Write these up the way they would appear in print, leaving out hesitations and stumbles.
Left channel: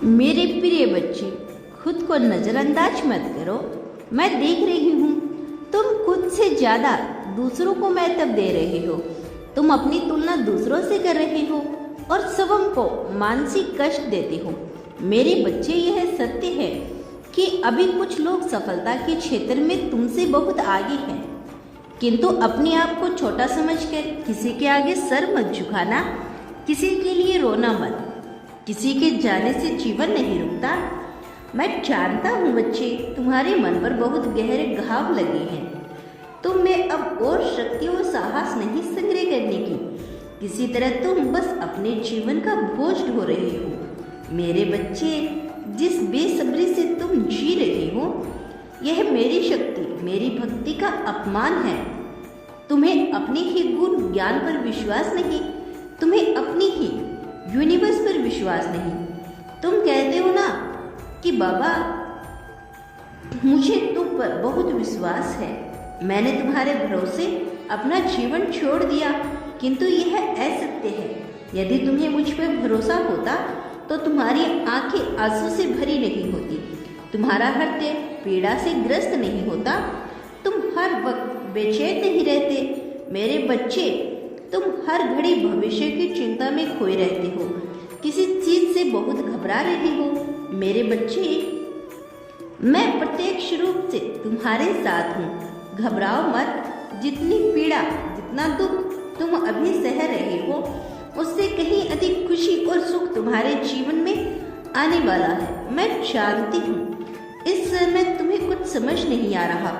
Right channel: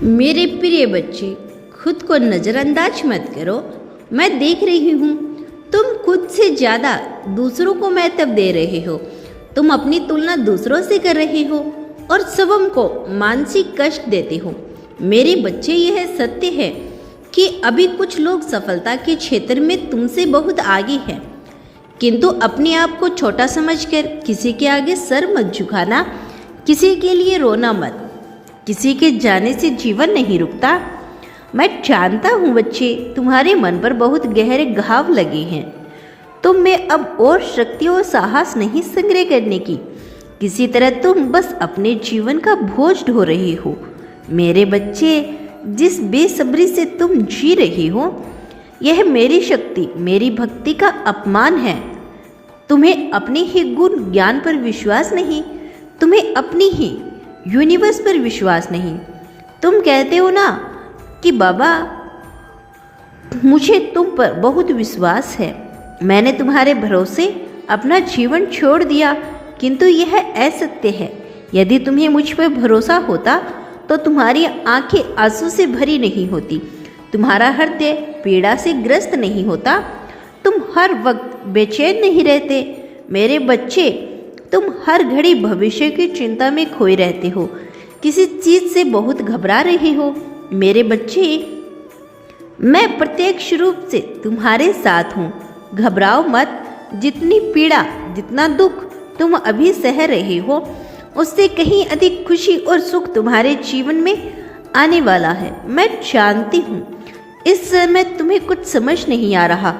मेरे प्रिय बच्चे, खुद को नज़रअंदाज मत करो। मैं देख रही हूँ तुम खुद से ज़्यादा दूसरों को महत्व दे रहे हो। तुम अपनी तुलना दूसरों से कर रहे हो और सबों को मानसिक कष्ट देते हो। मेरे बच्चे, यह सत्य है कि अभी कुछ लोग सफलता के क्षेत्र में तुमसे बहुत आगे हैं, किंतु अपने आप को छोटा समझकर किसी के आगे सर मत झुकाना, किसी के लिए रोना मत। किसी के जाने से जीवन नहीं रुकता। मैं जानता हूँ बच्चे, तुम्हारे मन पर बहुत गहरे घाव लगे हैं। तुम में अब और शक्ति और साहस नहीं संग्रह करने की। किसी तरह तुम बस अपने जीवन का बोझ ढो रहे हो। मेरे बच्चे, जिस बेसब्री से तुम जी रहे हो, यह मेरी शक्ति, मेरी भक्ति का अपमान है। तुम्हें अपने ही गुण ज्ञान पर विश्वास नहीं, तुम्हें अपनी ही यूनिवर्स पर विश्वास नहीं। तुम कहते हो ना कि बाबा, मुझे तुम पर बहुत विश्वास है, मैंने तुम्हारे भरोसे अपना जीवन छोड़ दिया, किंतु यह असत्य है। यदि तुम्हें मुझ पर भरोसा होता तो तुम्हारी आंखें आंसू से भरी नहीं होती, तुम्हारा हृदय पीड़ा से ग्रस्त नहीं होता, तुम हर वक्त बेचैन नहीं रहते। मेरे बच्चे, तुम हर घड़ी भविष्य की चिंता में खोए रहते हो, किसी चीज़ से बहुत घबरा रहे हो। मेरे बच्चे, मैं प्रत्यक्ष रूप से तुम्हारे साथ हूँ। घबराओ मत। जितनी पीड़ा, जितना दुख तुम अभी सह रहे हो, उससे कहीं अधिक खुशी और सुख तुम्हारे जीवन में आने वाला है। मैं जानती हूँ इस समय तुम्हें कुछ समझ नहीं आ रहा।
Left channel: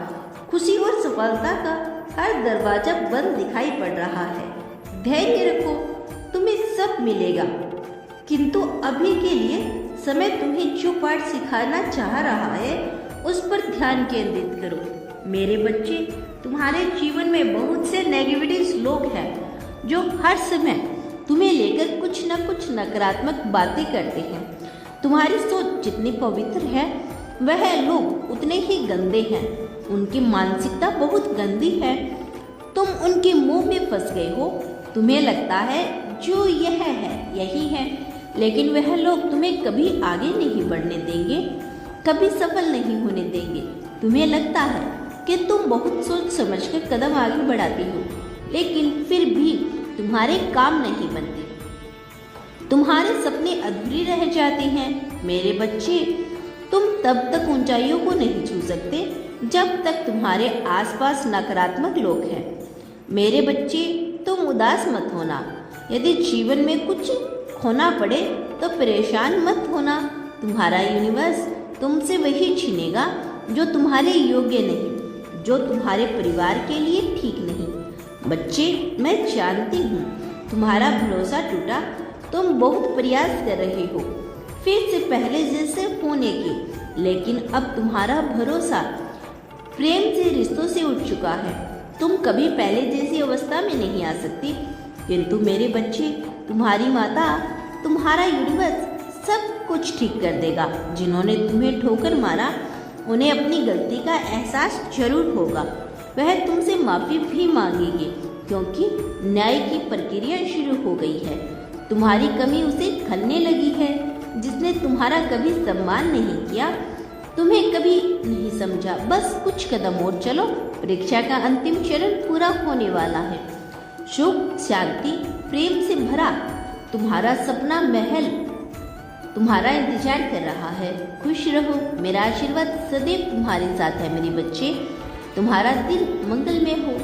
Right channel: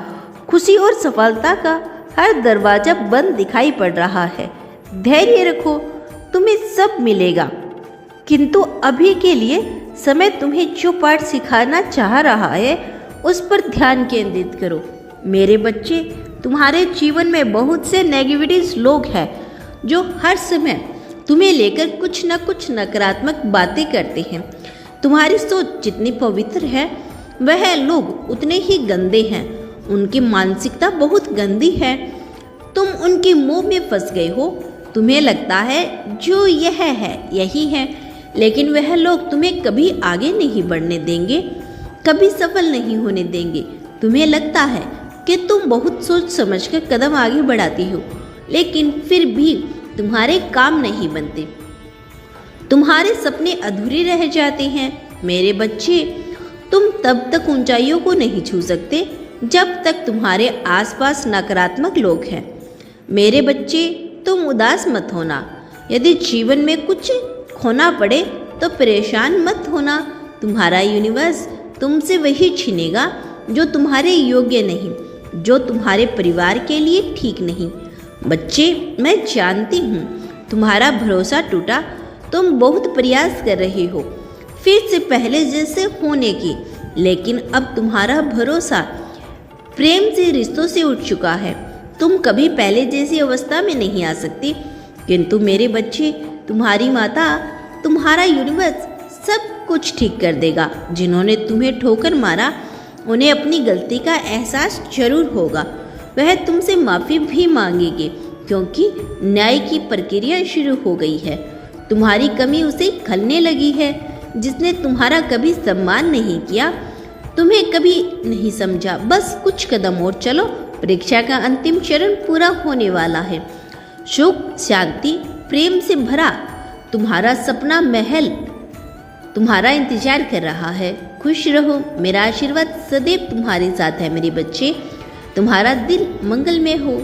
खुशी और सफलता का हर दरवाजा बंद दिखाई पड़ रहा है। धैर्य रखो, तुम्हें सब मिलेगा, किंतु अभी के लिए समय तुम्हें जो पाठ सिखाना चाह रहा है उस पर ध्यान केंद्रित करो। मेरे बच्चे, तुम्हारे जीवन में बहुत से नेगेटिव लोग हैं जो हर समय तुम्हें लेकर कुछ न कुछ नकारात्मक बातें करते हैं। तुम्हारी सोच जितनी पवित्र है, वह लोग उतने ही गंदे हैं। उनकी मानसिकता बहुत गंदी है। तुम उनके मोह में फंस गए हो। तुम्हें लगता है जो यह है यही है, लेकिन वह लोग तुम्हें कभी आगे नहीं बढ़ने देंगे, कभी सफल नहीं होने देंगे। तुम्हें लगता है कि तुम बहुत सोच समझकर कदम आगे बढ़ाती हो, लेकिन फिर भी तुम्हारे काम नहीं बनते, तुम्हारे सपने अधूरे रह जाते हैं। मेरे बच्चे, तुम तब तक ऊंचाइयों को नहीं छू सकते जब तक तुम्हारे आसपास नकारात्मक लोग हैं। मेरे बच्चे, तुम उदास मत होना। यदि जीवन में कुछ खोना पड़े तो परेशान मत होना। तुम्हारा यूनिवर्स तुमसे वही छीनेगा जो तुम्हारे योग्य नहीं, जो तुम्हारे परिवार के लिए ठीक नहीं। बच्चे, मैं जानती हूँ तुम्हारा भरोसा टूटा। तुम बहुत प्रयास कर रहे हो फिर से पहले जैसे होने की, लेकिन अब तुम्हारा भरोसा प्रेम से, रिश्तों से उठ चुका है। तुम कभी पहले जैसी अवस्था में नहीं आ सकती, किंतु मेरे बच्चे, तुम्हारी माता, तुम्हारा यूनिवर्स सब कुछ ठीक कर देगा। जिन्होंने तुम्हें ठोकर मारा, उन्हें अपनी गलती का एहसास जरूर होगा। वह तुमसे माफ़ी भी मांगेंगे, क्योंकि न्याय की प्रक्रिया शुरू हो गई है। तुम्हारी कमी उसे खलने लगी है। जिसने तुम्हारा कभी सम्मान नहीं किया, तुम्हें कभी नहीं समझा। बस कुछ कदम और चलो, परीक्षा का अंतिम चरण पूरा होने वाला है। सुख, शांति, प्रेम से भरा तुम्हारा सपना महल तुम्हारा इंतजार कर रहा है। खुश रहो। मेरा आशीर्वाद सदैव तुम्हारे साथ है मेरे बच्चे। तुम्हारा दिन मंगलमय हो।